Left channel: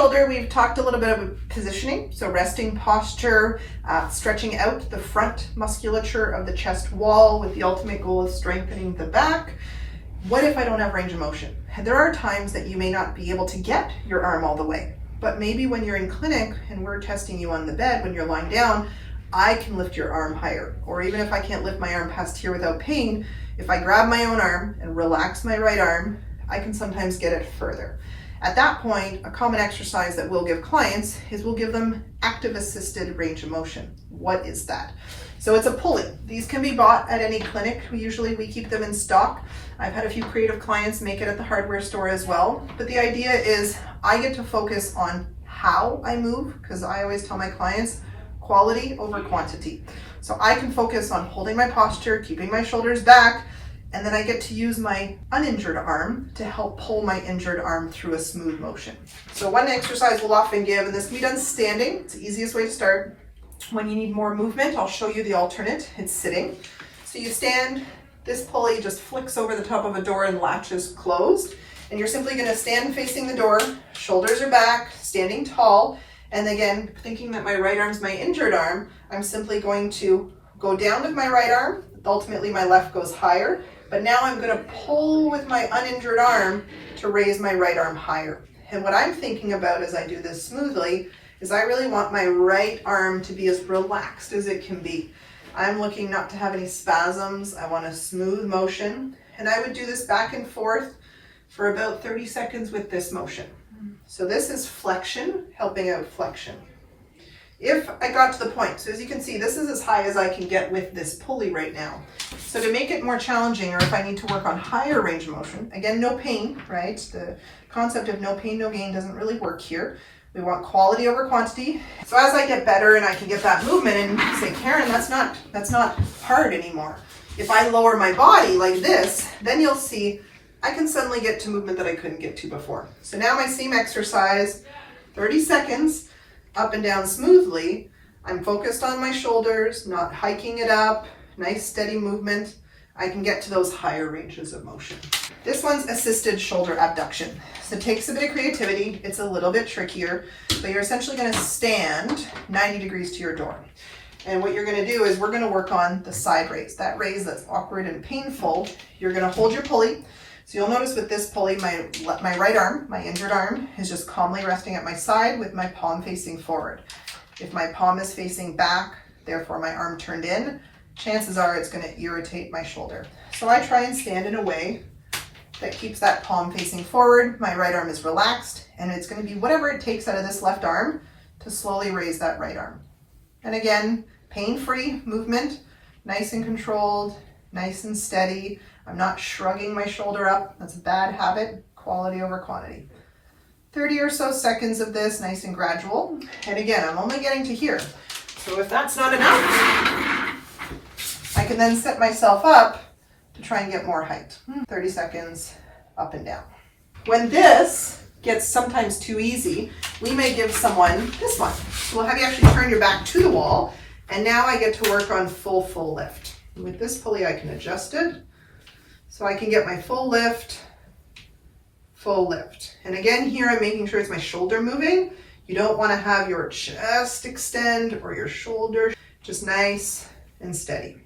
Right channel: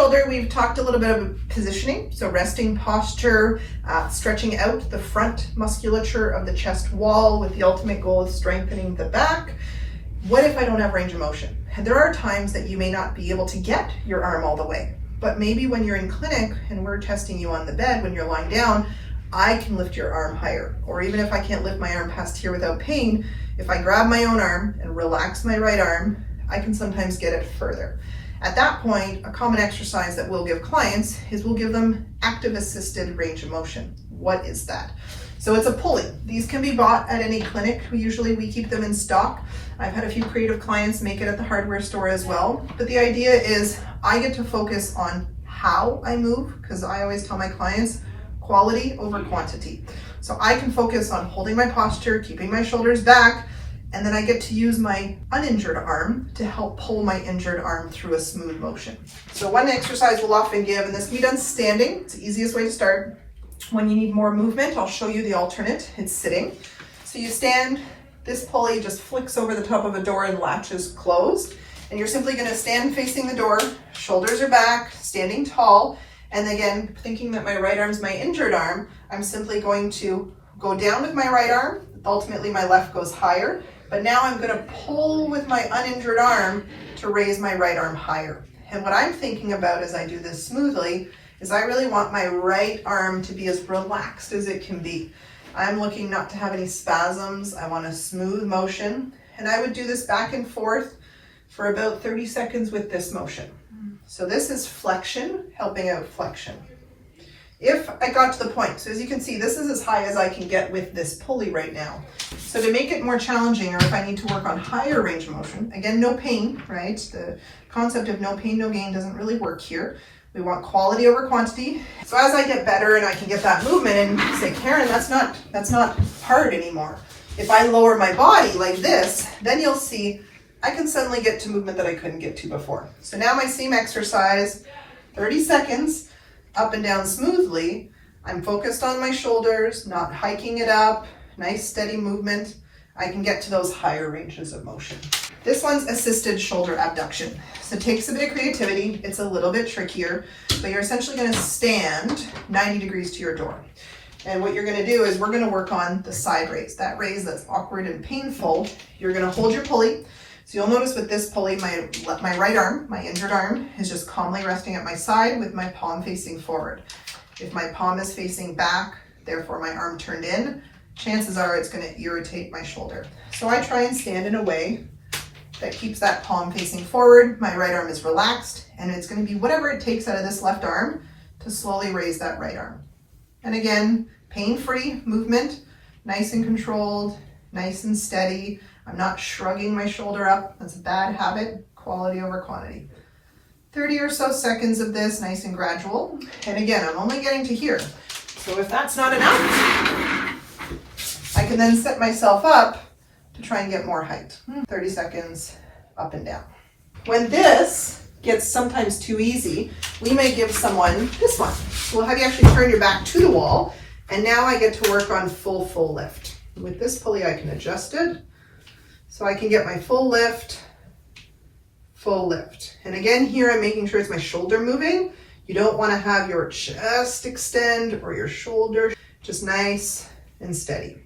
shoulder, we've talked a little bit of positioning. So resting posture, stretching out the front musculature of the chest wall with the ultimate goal of strengthening the back. What if I don't have range of motion? And there are times that you may not be able to get your arm all the way, but maybe when you're in clinic and we're testing you on the bed, when you're lying down, I can lift your arm higher. Or even if I can't lift my arm past here without pain, if I grab my own arm and relax my right arm, I can sometimes get it further. At that point, a common exercise that we'll give clients is we'll give them active assisted range of motion. What is that? So it's a pulley. These can be bought at any clinic. Usually we keep them in stock. I've had a few creative clients make it at the hardware store as well. But the idea is I get to focus on how I move, because I always tell my clients, quality over quantity. So I can focus on holding my posture, keeping my shoulders back, and then I get to use my uninjured arm to help pull my injured arm through a smooth motion. So one exercise we'll often give, and this can be done standing, it's the easiest way to start. When you need more movement, I'll show you the alternate, it's sitting. So you stand, this pulley just flicks over the top of a door and latches closed. And you're simply gonna stand facing the door, shoulders are back, standing tall. And again, thinking that my right arm's my injured arm, I'm simply going to go down with my right arm. Ultimately, my left goes higher. But now I'm going to pull with my uninjured arm to raise my right arm higher. And what I'm thinking about as I do this smoothly is I really want my right arm to be as relaxed as it can be. I'm looking not to have any spasms. I want a smooth motion. And I would do this back and forth for about 30 seconds with this motion. So this is flexion, helping out flexion. If I got to the point, so as you can see, this is as high as I can get with this pulley right now. So to make it more challenging, or if I need to work on higher range of motion, again, no pain, right? The concept of no pain, no gain doesn't really work here. We want quality over quantity. So as I get better and I can get that movement and say, Karen, that's not hard anymore. If I lower my body like this, then you'll see I can suddenly get to movement that I couldn't get to before. So now my same exercise, 30 seconds, up and down smoothly. I'm focused on my shoulders, not hiking it up, nice steady movement. I can get to those higher ranges of motion. This one's assisted shoulder abduction. So it takes a bit of creativity. It's a little bit trickier, but you're essentially gonna stand 90 degrees to your door. And what you're gonna do is we're gonna work on the side raise, that raise that's awkward and painful. You're gonna hold your pulley. So you'll notice with this pulley, my right arm, my injured arm, is just calmly resting at my side with my palm facing forward. If my palm is facing back, therefore my arm turned in, chances are it's going to irritate my shoulder. So I try and stand in a way that keeps that palm facing forward, my right arm is relaxed, and it's going to be whatever it takes out of this left arm to slowly raise that right arm. And again, pain-free movement, nice and controlled, nice and steady. I'm not shrugging my shoulder up. That's a bad habit. Quality over quantity. 30 or so seconds of this, nice and gradual. And again, I'm only getting to here. So if that's not enough, I can then set myself up to try and get more height. 30 seconds, up and down. When this gets sometimes too easy, we may give someone this one. We'll have you actually turn your back to the wall, and now I get to work on full lift. And with this pulley, I can adjust it. So I can get my full lift. And again, here I'm making sure it's my shoulder moving. You don't want to have your chest extend or your shoulder, just nice and steady.